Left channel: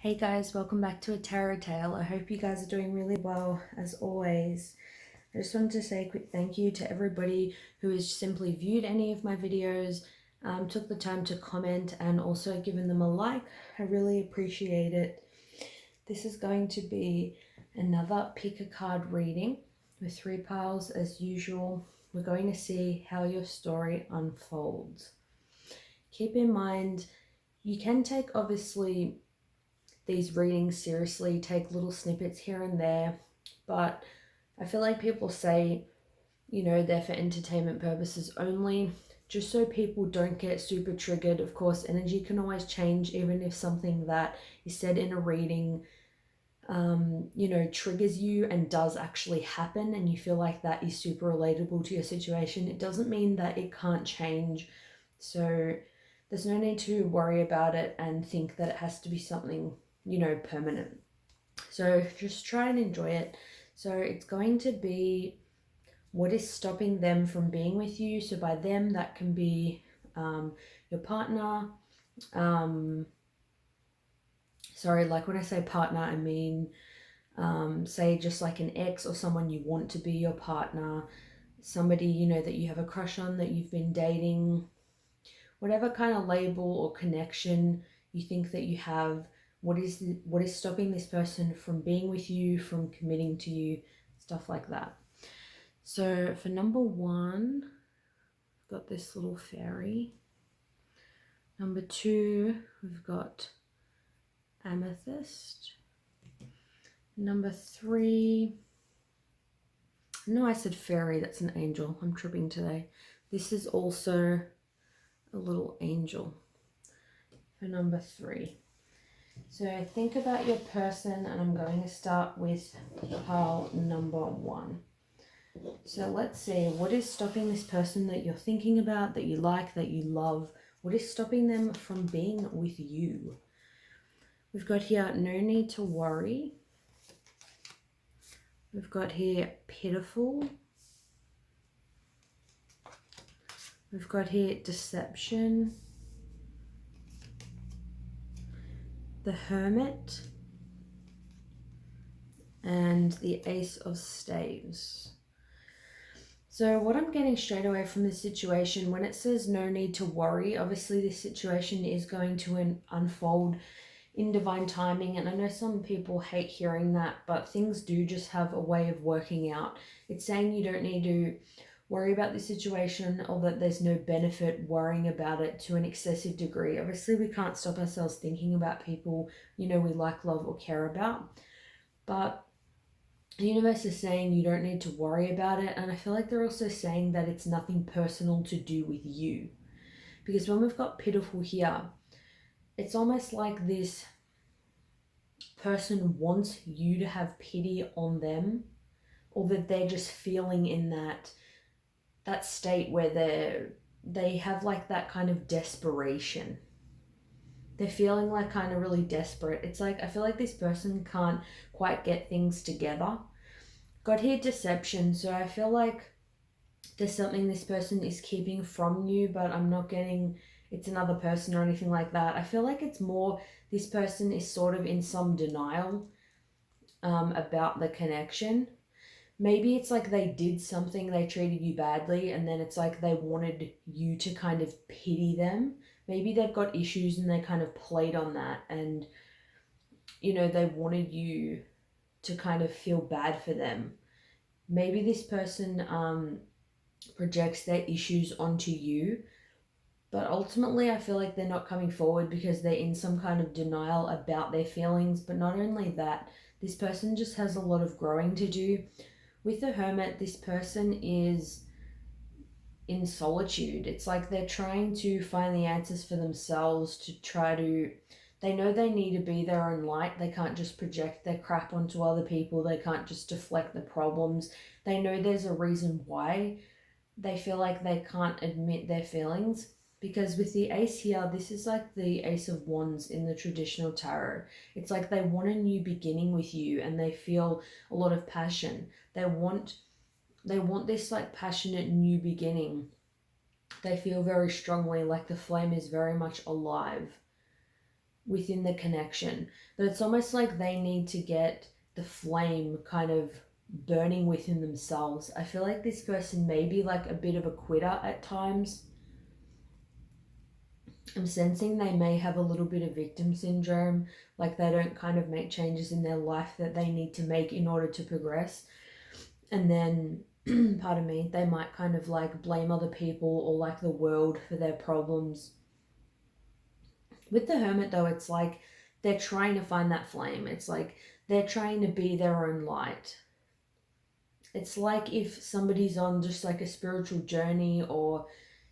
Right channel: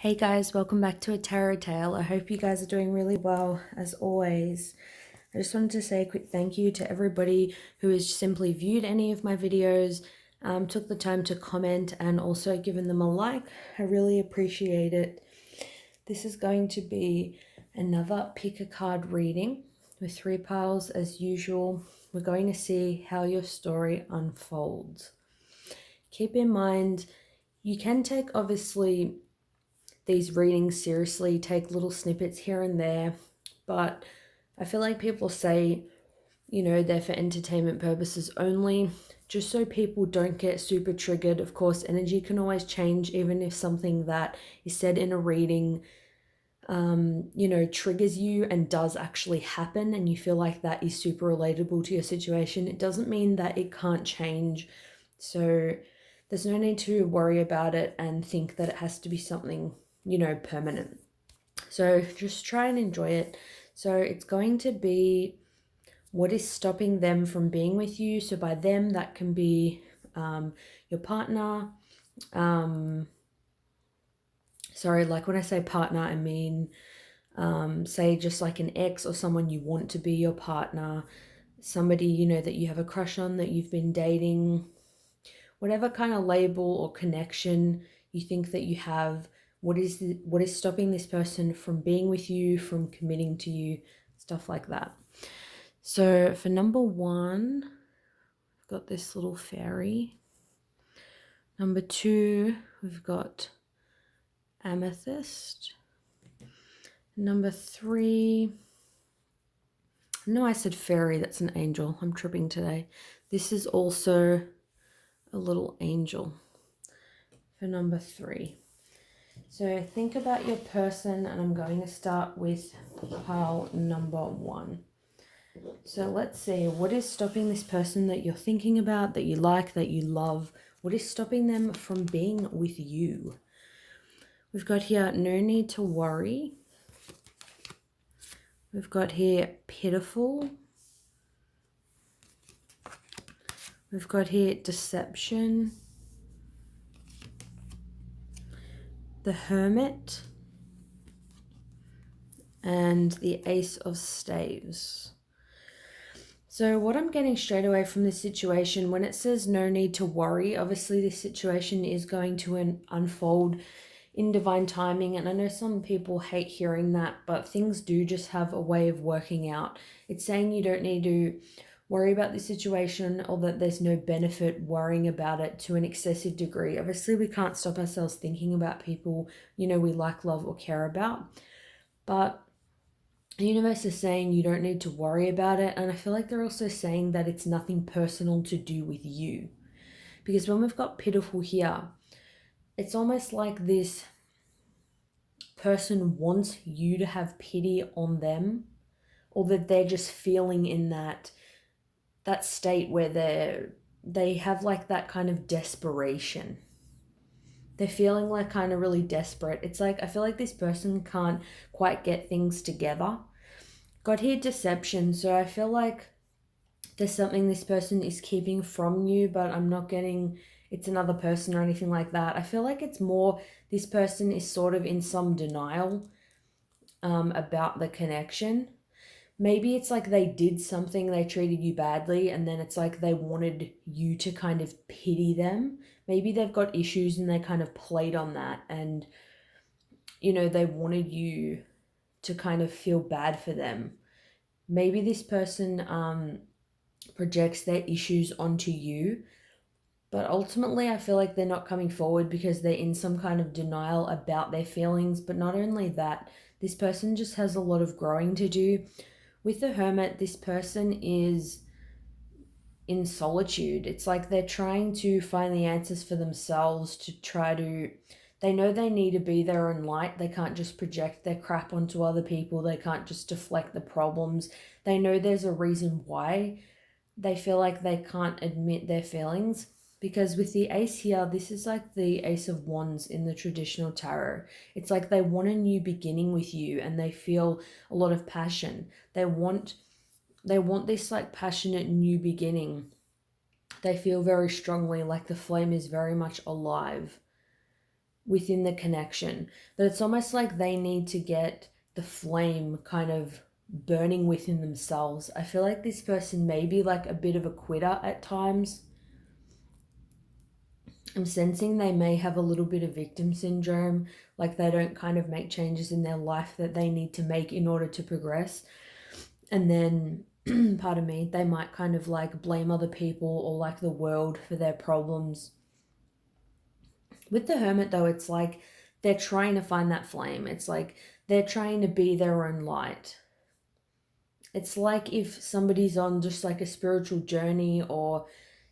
Hey guys, welcome back to A Tarot Tale. I hope you guys are doing really well as always. I just wanted to say a quick thank you to everybody who has simply viewed any of my videos, took the time to comment and also given them a like. I really appreciate it. This is going to be another pick a card reading with 3 piles as usual. We're going to see how your story unfolds. Keep in mind, you can take obviously these readings seriously, take little snippets here and there, but I feel like people say, they're for entertainment purposes only, just so people don't get super triggered. Of course, energy can always change, even if something that is said in a reading, triggers you and does actually happen, and you feel like that is super relatable to your situation. It doesn't mean that it can't change. So there's no need to worry about it and think that it has to be something permanent. So just try and enjoy it. So it's going to be what is stopping them from being with you. So by them, that can be your partner. Like when I say partner, I mean, say just like an ex or someone you want to be your partner, somebody, that you have a crush on, that you've been dating, whatever kind of label or connection you think that you have. What is stopping this person from being with you, from committing to you, stuff like that. So for number 1, I've got this little fairy. Number 2, we've got amethyst. Number 3, no, I said fairy, that's an angel. I'm tripping today. This is also a little angel for number 3. So think about your person, and I'm going to start with pile number 1. So let's see, what is stopping this person that you're thinking about, that you like, that you love? What is stopping them from being with you? We've got here, no need to worry. We've got here, pitiful. We've got here, deception. The Hermit. And the Ace of Staves. So what I'm getting straight away from this situation, when it says no need to worry, obviously this situation is going to unfold in divine timing. And I know some people hate hearing that, but things do just have a way of working out. It's saying you don't need to worry about the situation, or that there's no benefit worrying about it to an excessive degree. Obviously, we can't stop ourselves thinking about people, we like, love, or care about. But the universe is saying you don't need to worry about it. And I feel like they're also saying that it's nothing personal to do with you. Because when we've got pitiful here, it's almost like this person wants you to have pity on them, or that they're just feeling in that state where they have like that kind of desperation. They're feeling like kind of really desperate. It's like, I feel like this person can't quite get things together. Got here deception, so I feel like there's something this person is keeping from you, but I'm not getting it's another person or anything like that. I feel like it's more this person is sort of in some denial about the connection. Maybe it's like they did something, they treated you badly, and then it's like they wanted you to kind of pity them. Maybe they've got issues and they kind of played on that, and they wanted you to kind of feel bad for them. Maybe this person projects their issues onto you, but ultimately I feel like they're not coming forward because they're in some kind of denial about their feelings. But not only that, this person just has a lot of growing to do. With the Hermit, this person is in solitude. It's like they're trying to find the answers for themselves, to try to, they know they need to be their own light. They can't just project their crap onto other people. They can't just deflect the problems. They know there's a reason why they feel like they can't admit their feelings. Because with the Ace here, this is like the Ace of Wands in the traditional tarot. It's like they want a new beginning with you, and they feel a lot of passion. They want this like passionate new beginning. They feel very strongly like the flame is very much alive. within the connection. That it's almost like they need to get the flame kind of burning within themselves. I feel like this person may be like a bit of a quitter at times. I'm sensing they may have a little bit of victim syndrome, like they don't kind of make changes in their life that they need to make in order to progress. And then, pardon me, they might kind of like blame other people or like the world for their problems. With the Hermit, though, it's like they're trying to find that flame. It's like they're trying to be their own light. It's like if somebody's on just like a spiritual journey or,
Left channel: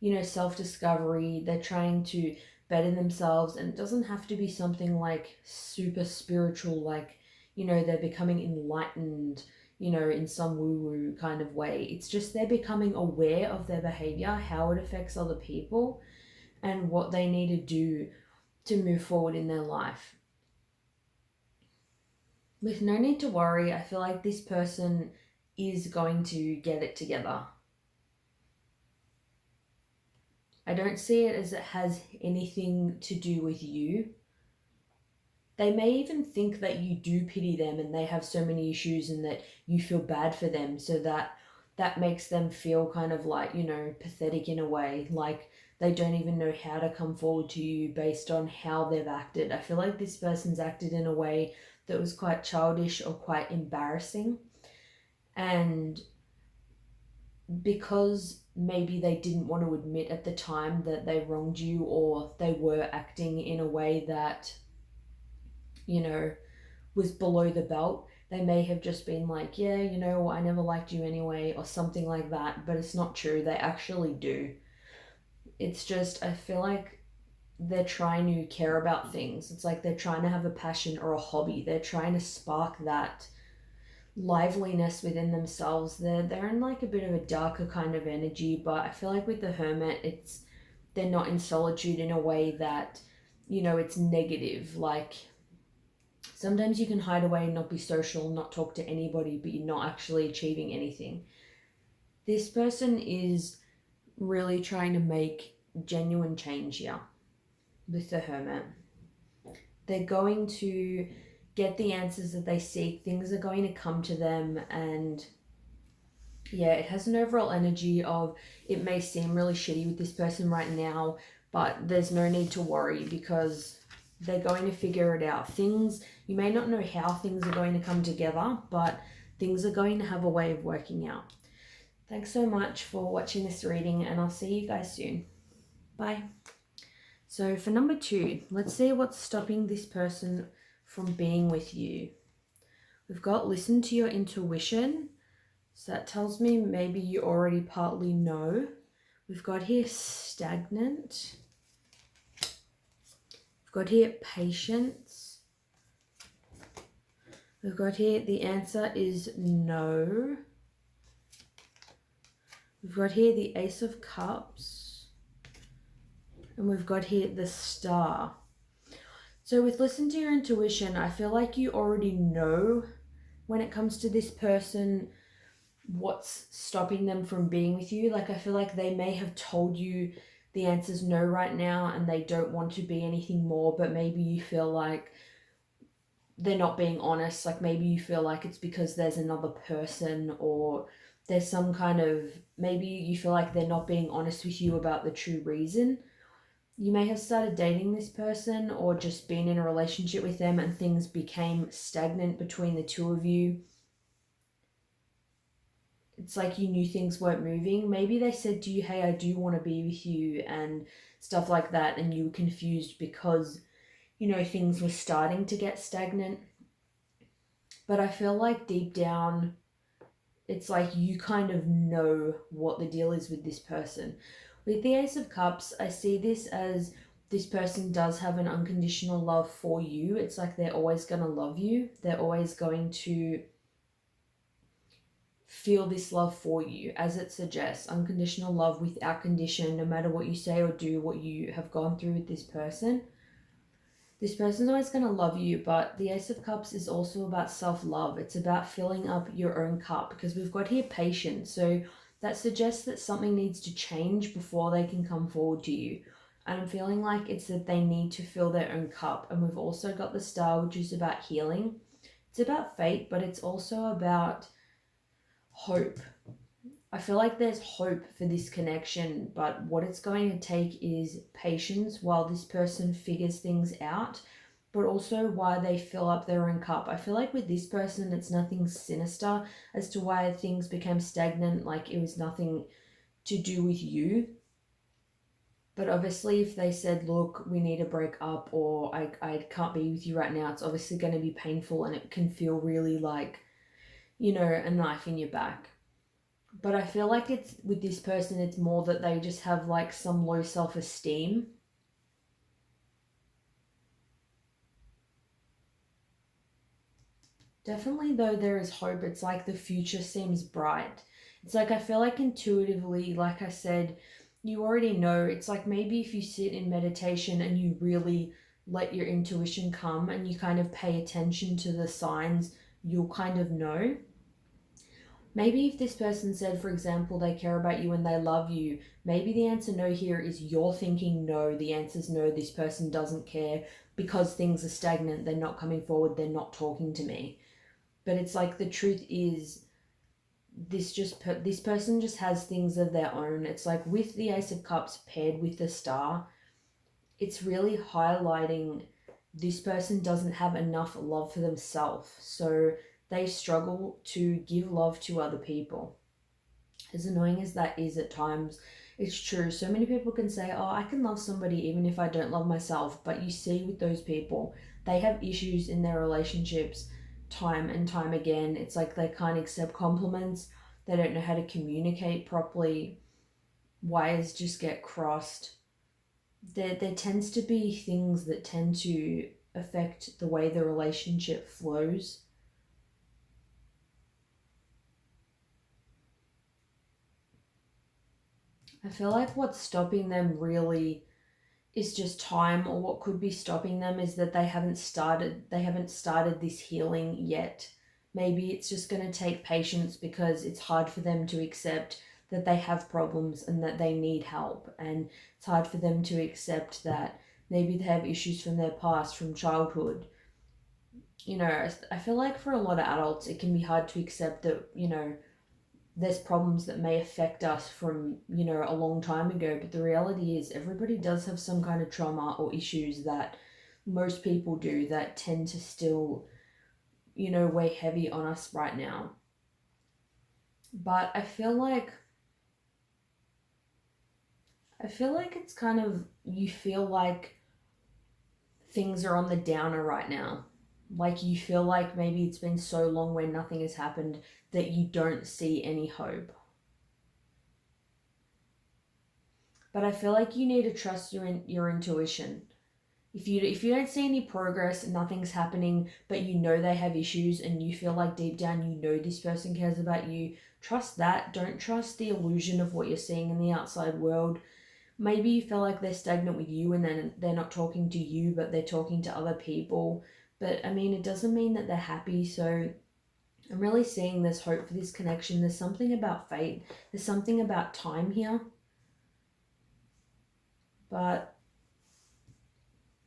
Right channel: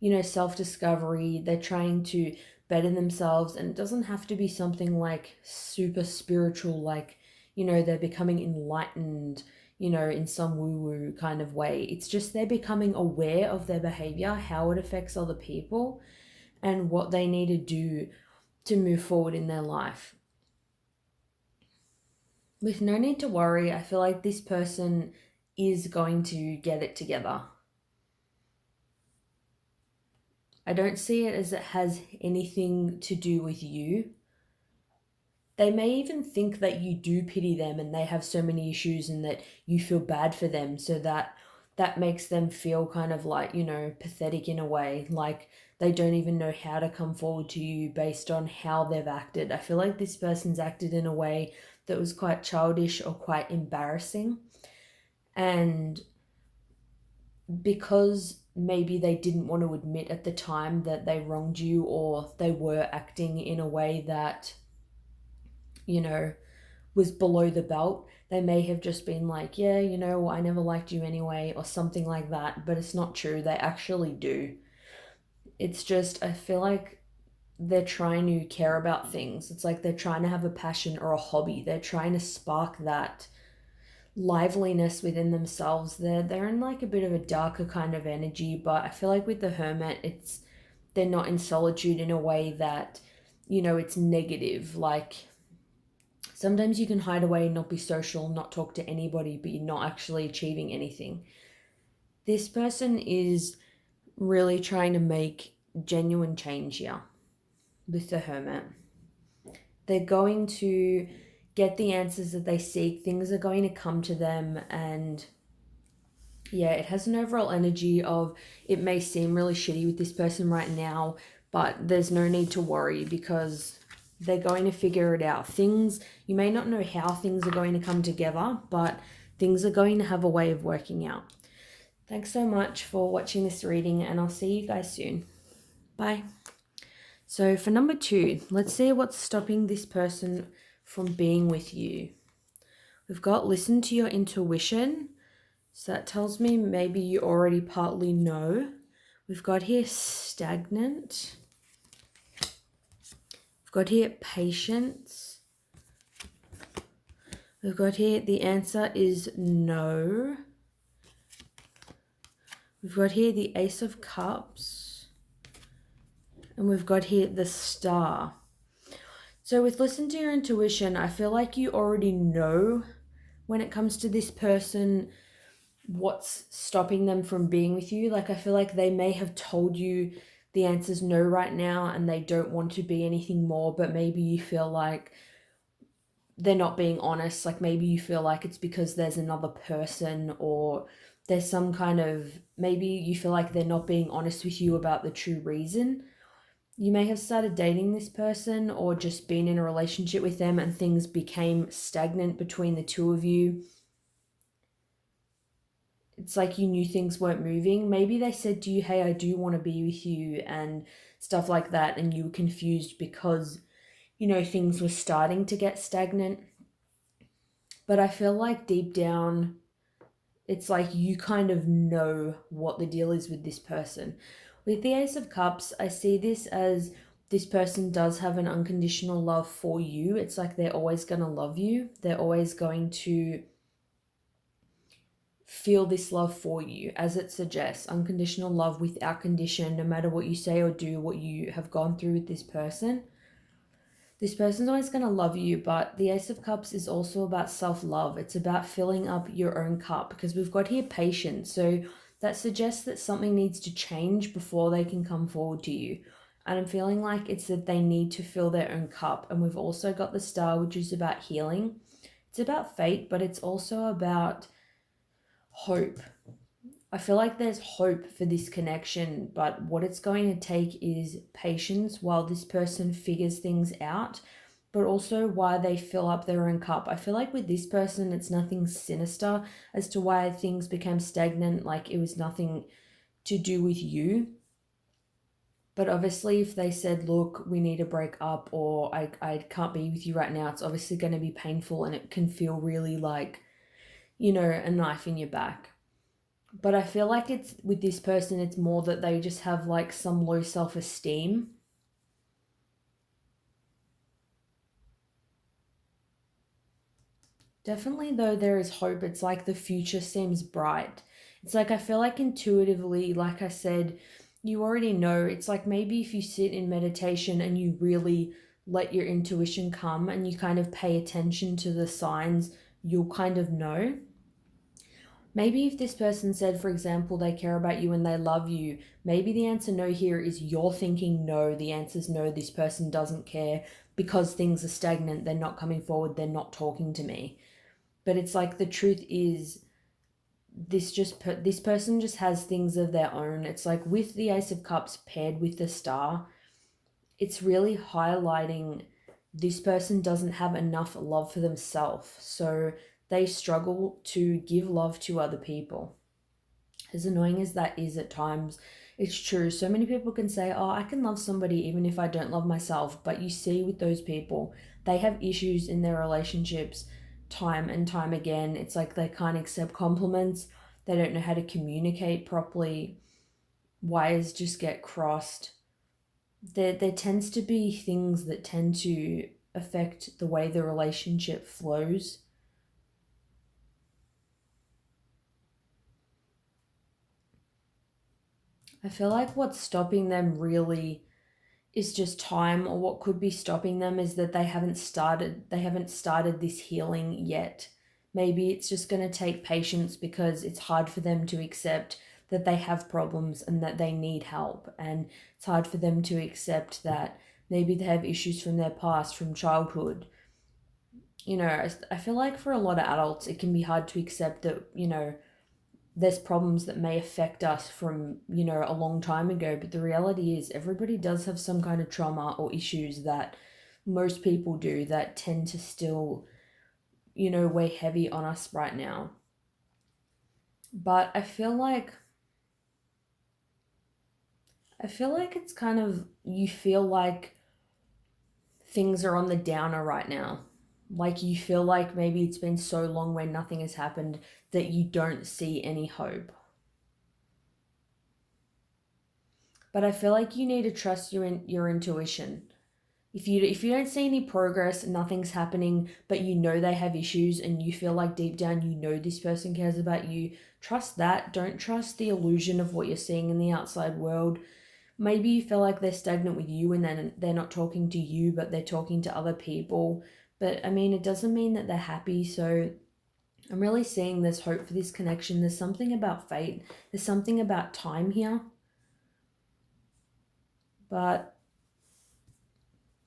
you know, self-discovery, they're trying to better themselves, and it doesn't have to be something like super spiritual, like, you know, they're becoming enlightened, you know, in some woo-woo kind of way. It's just they're becoming aware of their behavior, how it affects other people, and what they need to do to move forward in their life. With no need to worry, I feel like this person is going to get it together. I don't see it as it has anything to do with you. They may even think that you do pity them and they have so many issues and that you feel bad for them, so that makes them feel kind of like, you know, pathetic in a way, like they don't even know how to come forward to you based on how they've acted. I feel like this person's acted in a way that was quite childish or quite embarrassing. And because maybe they didn't want to admit at the time that they wronged you, or they were acting in a way that, you know, was below the belt, they may have just been like, yeah, you know, I never liked you anyway, or something like that. But it's not true. They actually do. It's just, I feel like they're trying to care about things. It's like they're trying to have a passion or a hobby. They're trying to spark that liveliness within themselves. They're in like a bit of a darker kind of energy, but I feel like with the Hermit, it's they're not in solitude in a way that, you know, it's negative. Like sometimes you can hide away and not be social, not talk to anybody, but you're not actually achieving anything. This person is really trying to make genuine change here with the Hermit. They're going to get the answers that they seek. Things are going to come to them, and yeah, it has an overall energy of it may seem really shitty with this person right now, but there's no need to worry because they're going to figure it out. Things, you may not know how things are going to come together, but things are going to have a way of working out. Thanks so much for watching this reading, and I'll see you guys soon. Bye. So for number 2, let's see what's stopping this person from being with you. We've got listen to your intuition. So that tells me maybe you already partly know. We've got here stagnant. We've got here patience. We've got here the answer is no. We've got here the Ace of Cups. And we've got here the Star. So with listen to your intuition, I feel like you already know when it comes to this person what's stopping them from being with you. Like I feel like they may have told you the answer's no right now and they don't want to be anything more, but maybe you feel like they're not being honest. Like maybe you feel like it's because there's another person, or there's some kind of, maybe you feel like they're not being honest with you about the true reason. You may have started dating this person or just been in a relationship with them and things became stagnant between the two of you. It's like you knew things weren't moving. Maybe they said to you, hey, I do want to be with you and stuff like that, and you were confused because, you know, things were starting to get stagnant. But I feel like deep down, it's like you kind of know what the deal is with this person. With the Ace of Cups, I see this as this person does have an unconditional love for you. It's like they're always going to love you. They're always going to feel this love for you, as it suggests. Unconditional love without condition, no matter what you say or do, what you have gone through with this person. This person's always going to love you, but the Ace of Cups is also about self-love. It's about filling up your own cup, because we've got here patience. So that suggests that something needs to change before they can come forward to you. And I'm feeling like it's that they need to fill their own cup. And we've also got the Star, which is about healing. It's about fate, but it's also about hope. I feel like there's hope for this connection, but what it's going to take is patience while this person figures things out, but also why they fill up their own cup. I feel like with this person, it's nothing sinister as to why things became stagnant, like it was nothing to do with you. But obviously, if they said, look, we need to break up, or I can't be with you right now, it's obviously going to be painful and it can feel really like, a knife in your back. But I feel like it's with this person, it's more that they just have like some low self esteem. Definitely, though, there is hope. It's like the future seems bright. It's like I feel like intuitively, like I said, you already know. It's like maybe if you sit in meditation and you really let your intuition come and you kind of pay attention to the signs, you'll kind of know. Maybe if this person said, for example, they care about you and they love you, maybe the answer no here is you're thinking no. The answer is no, this person doesn't care because things are stagnant. They're not coming forward. They're not talking to me. But it's like the truth is this person just has things of their own. It's like with the Ace of Cups paired with the Star, it's really highlighting this person doesn't have enough love for themselves. So they struggle to give love to other people. As annoying as that is at times, it's true. So many people can say, oh, I can love somebody even if I don't love myself. But you see with those people, they have issues in their relationships time and time again. It's like they can't accept compliments, they don't know how to communicate properly, wires just get crossed. There tends to be things that tend to affect the way the relationship flows. I feel like what's stopping them really is just time, or what could be stopping them is that they haven't started this healing yet. Maybe it's just going to take patience because it's hard for them to accept that they have problems and that they need help, and it's hard for them to accept that maybe they have issues from their past, from childhood. I feel like for a lot of adults it can be hard to accept that there's problems that may affect us from a long time ago, but the reality is everybody does have some kind of trauma or issues that most people do that tend to still weigh heavy on us right now. But I feel like it's kind of, you feel like things are on the downer right now. Like you feel like maybe it's been so long where nothing has happened that you don't see any hope. But I feel like you need to trust your intuition. If you don't see any progress, nothing's happening, but you know they have issues and you feel like deep down you know this person cares about you, trust that. Don't trust the illusion of what you're seeing in the outside world. Maybe you feel like they're stagnant with you and then they're not talking to you, but they're talking to other people. But I mean, it doesn't mean that they're happy. So I'm really seeing there's hope for this connection. There's something about fate. There's something about time here. But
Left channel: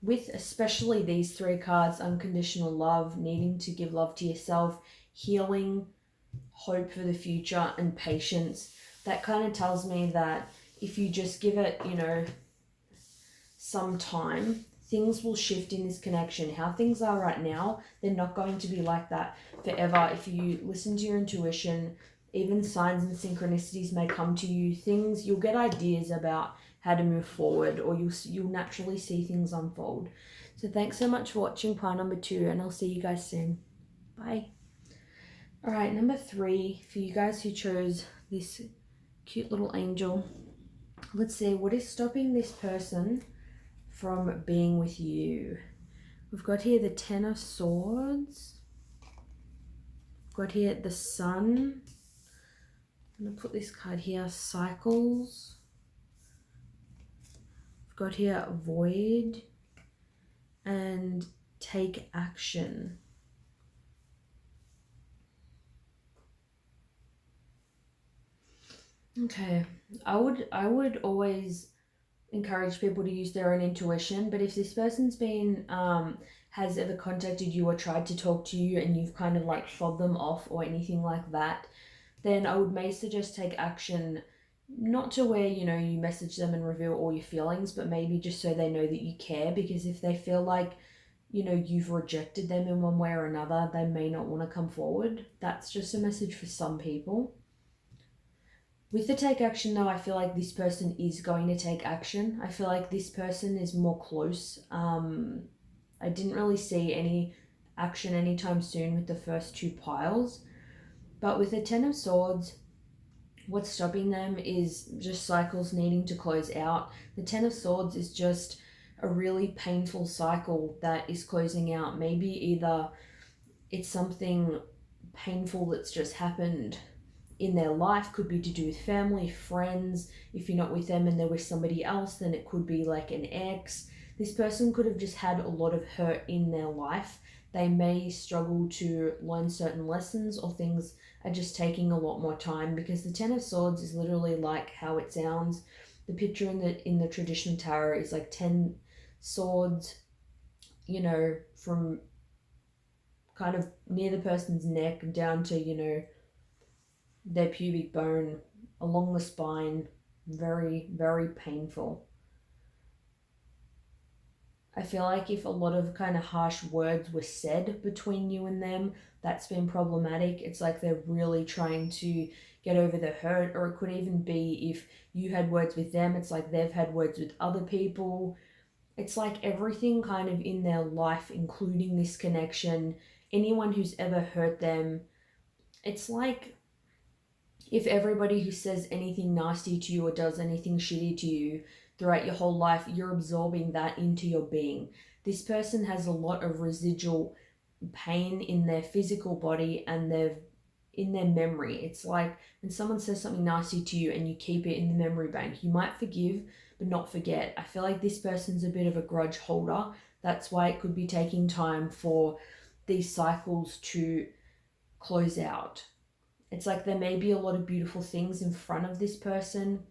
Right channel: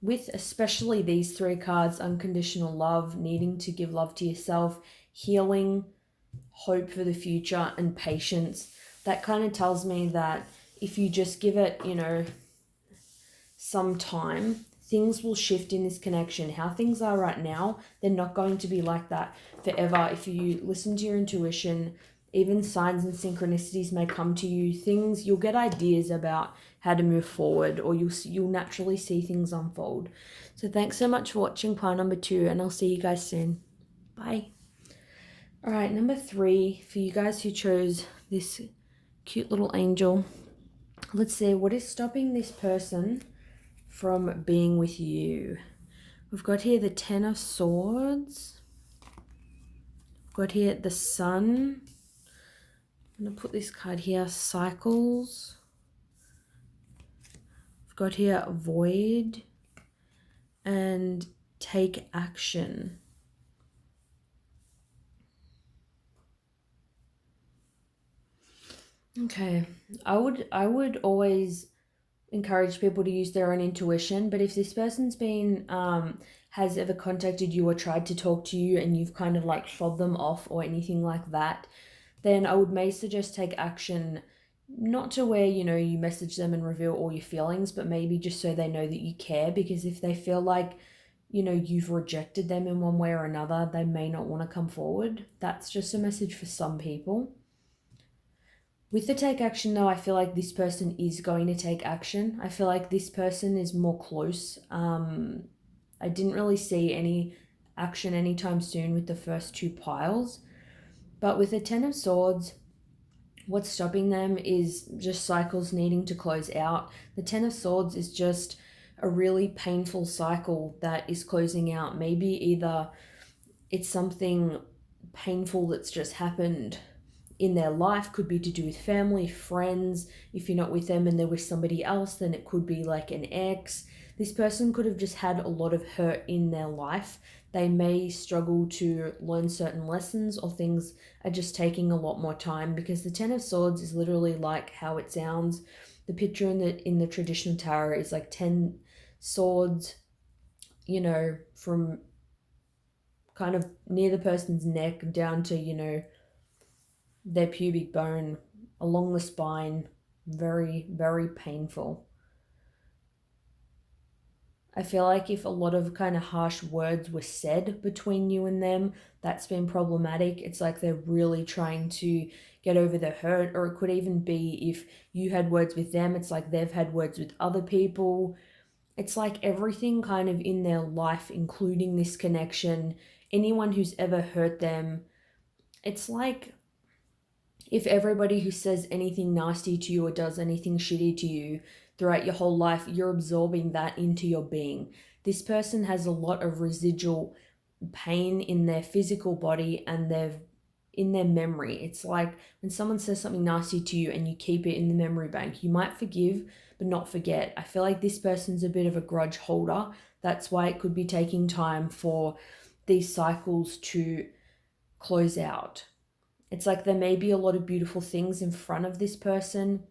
with especially these three cards, unconditional love, needing to give love to yourself, healing, hope for the future, and patience, that kind of tells me that if you just give it, some time, things will shift in this connection. How things are right now, they're not going to be like that forever. If you listen to your intuition, even signs and synchronicities may come to you. You'll get ideas about how to move forward, or you'll naturally see things unfold. So thanks so much for watching pile number 2, and I'll see you guys soon. Bye. All right, number 3, for you guys who chose this cute little angel. Let's see, what is stopping this person from being with you? We've got here the Ten of Swords. We've got here the Sun. I'm going to put this card here, Cycles. We've got here Void and Take Action. Okay, I would always encourage people to use their own intuition. But if this person's been has ever contacted you or tried to talk to you and you've kind of like fobbed them off or anything like that, then I would may suggest take action, not to where, you know, you message them and reveal all your feelings, but maybe just so they know that you care. Because if they feel like, you know, you've rejected them in one way or another, they may not want to come forward. That's just a message for some people. With the take action though, I feel like this person is going to take action. I feel like this person is more close. I didn't really see any action anytime soon with the first two piles. But with the Ten of Swords, what's stopping them is just cycles needing to close out. The Ten of Swords is just a really painful cycle that is closing out. Maybe either it's something painful that's just happened in their life, could be to do with family, friends. If you're not with them and they're with somebody else, then it could be like an ex. This person could have just had a lot of hurt in their life. They may struggle to learn certain lessons, or things are just taking a lot more time, because the Ten of Swords is literally like how it sounds. The picture in the traditional tarot is like 10 swords, you know, from kind of near the person's neck down to, you know, their pubic bone, along the spine. Very, very painful. I feel like if a lot of kind of harsh words were said between you and them, that's been problematic. It's like they're really trying to get over the hurt. Or it could even be if you had words with them, it's like they've had words with other people. It's like everything kind of in their life, including this connection, anyone who's ever hurt them. It's like if everybody who says anything nasty to you or does anything shitty to you throughout your whole life, you're absorbing that into your being. This person has a lot of residual pain in their physical body and in their memory. It's like when someone says something nasty to you and you keep it in the memory bank, you might forgive but not forget. I feel like this person's a bit of a grudge holder. That's why it could be taking time for these cycles to close out. It's like there may be a lot of beautiful things in front of this person,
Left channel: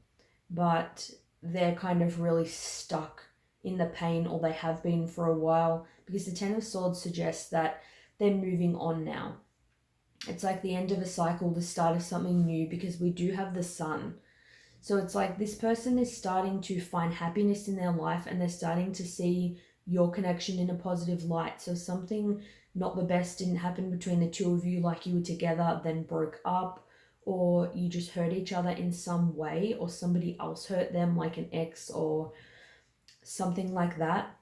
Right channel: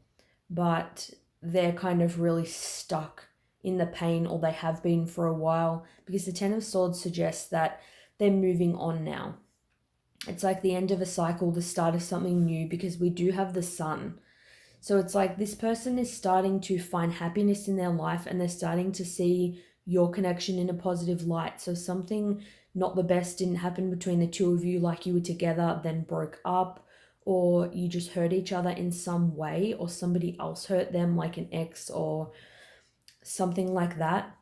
but they're kind of really stuck in the pain, or they have been for a while, because the Ten of Swords suggests that they're moving on now. It's like the end of a cycle, the start of something new, because we do have the Sun. So it's like this person is starting to find happiness in their life, and they're starting to see your connection in a positive light. So something not the best didn't happen between the two of you, like you were together then broke up, or you just hurt each other in some way, or somebody else hurt them, like an ex or something like that.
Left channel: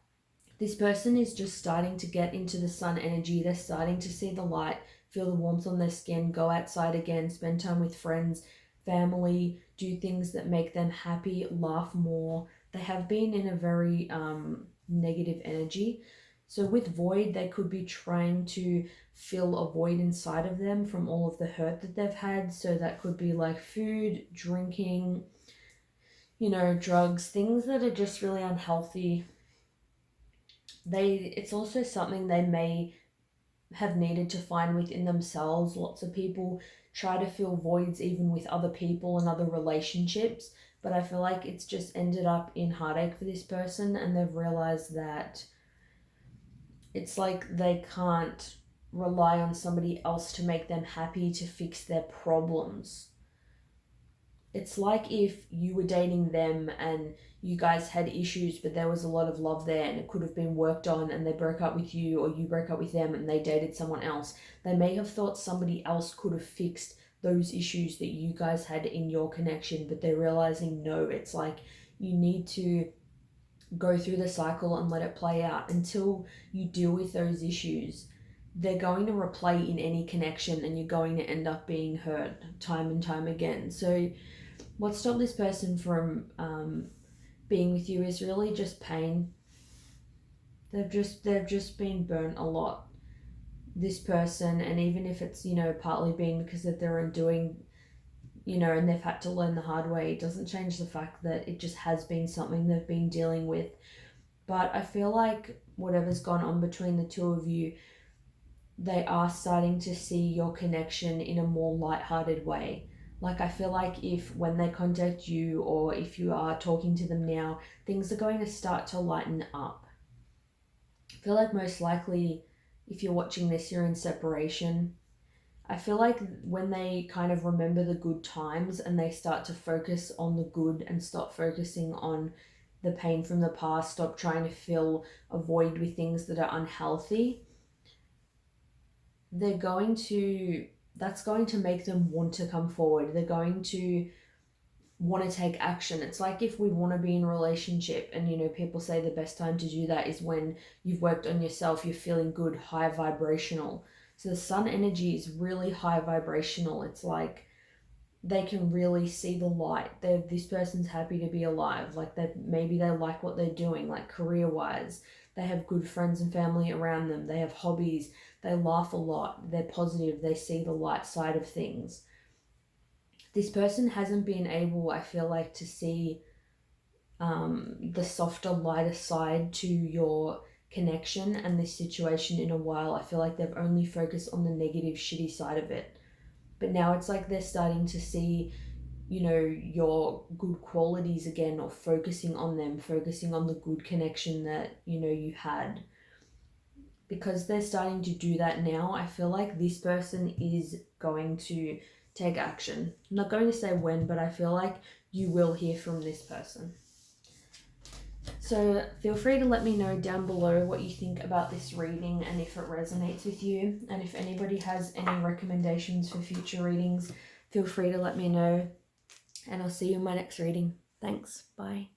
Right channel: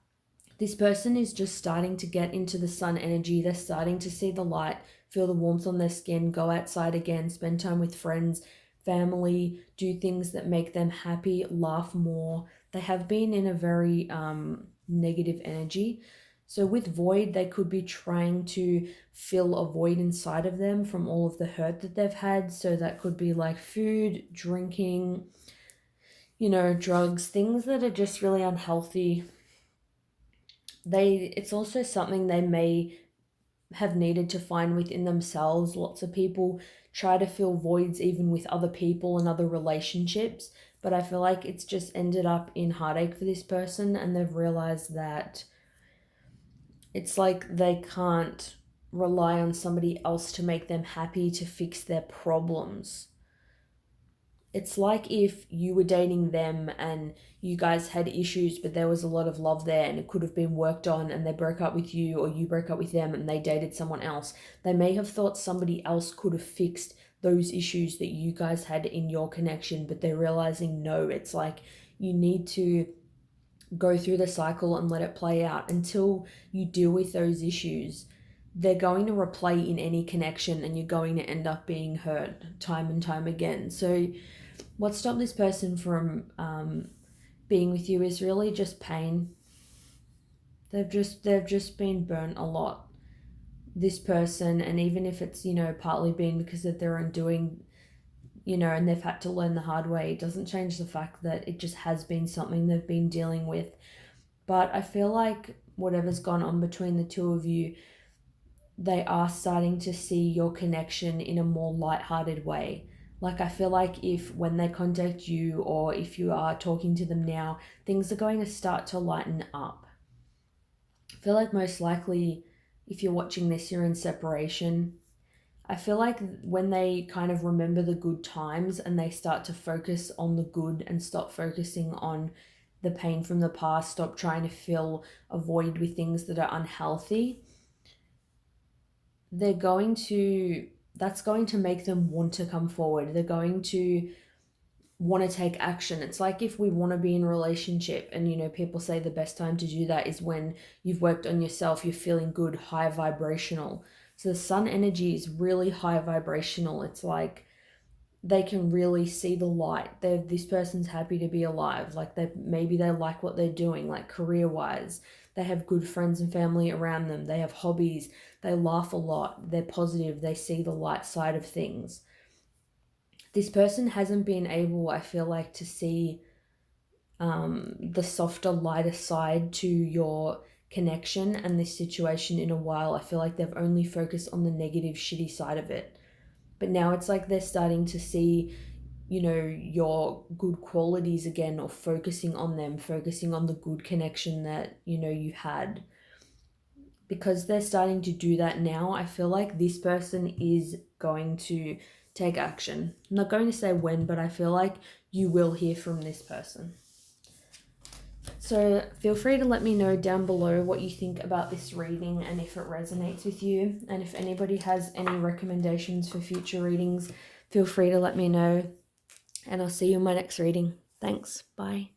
This person is just starting to get into the Sun energy. They're starting to see the light, feel the warmth on their skin, go outside again, spend time with friends, family, do things that make them happy, laugh more. They have been in a very negative energy. So with void, they could be trying to fill a void inside of them from all of the hurt that they've had. So that could be like food, drinking, you know, drugs, things that are just really unhealthy. It's also something they may have needed to find within themselves. Lots of people try to fill voids even with other people and other relationships, but I feel like it's just ended up in heartache for this person, and they've realized that it's like they can't rely on somebody else to make them happy, to fix their problems. It's like if you were dating them and you guys had issues, but there was a lot of love there and it could have been worked on, and they broke up with you, or you broke up with them and they dated someone else. They may have thought somebody else could have fixed those issues that you guys had in your connection, but they're realizing no, it's like you need to go through the cycle and let it play out until you deal with those issues. They're going to replay in any connection, and you're going to end up being hurt time and time again. So what stopped this person from being with you is really just pain. They've just been burnt a lot, this person. And even if it's, you know, partly been because of their undoing, you know, and they've had to learn the hard way, it doesn't change the fact that it just has been something they've been dealing with. But I feel like whatever's gone on between the two of you, they are starting to see your connection in a more lighthearted way. Like, I feel like if when they contact you or if you are talking to them now, things are going to start to lighten up. I feel like most likely, if you're watching this, you're in separation. I feel like when they kind of remember the good times and they start to focus on the good and stop focusing on the pain from the past, stop trying to fill a void with things that are unhealthy, they're going to, that's going to make them want to come forward. They're going to want to take action. It's like if we want to be in a relationship and, you know, people say the best time to do that is when you've worked on yourself, you're feeling good, high vibrational. So the sun energy is really high vibrational. It's like they can really see the light. They're, this person's happy to be alive. Like, they maybe they like what they're doing, like career wise. They have good friends and family around them. They have hobbies. They laugh a lot. They're positive. They see the light side of things. This person hasn't been able, I feel like, to see the softer, lighter side to your connection and this situation in a while. I feel like they've only focused on the negative, shitty side of it. But now it's like they're starting to see, you know, your good qualities again, or focusing on them, focusing on the good connection that, you know, you had. Because they're starting to do that now, I feel like this person is going to take action. I'm not going to say when, but I feel like you will hear from this person. So feel free to let me know down below what you think about this reading and if it resonates with you. And if anybody has any recommendations for future readings, feel free to let me know. And I'll see you in my next reading. Thanks. Bye.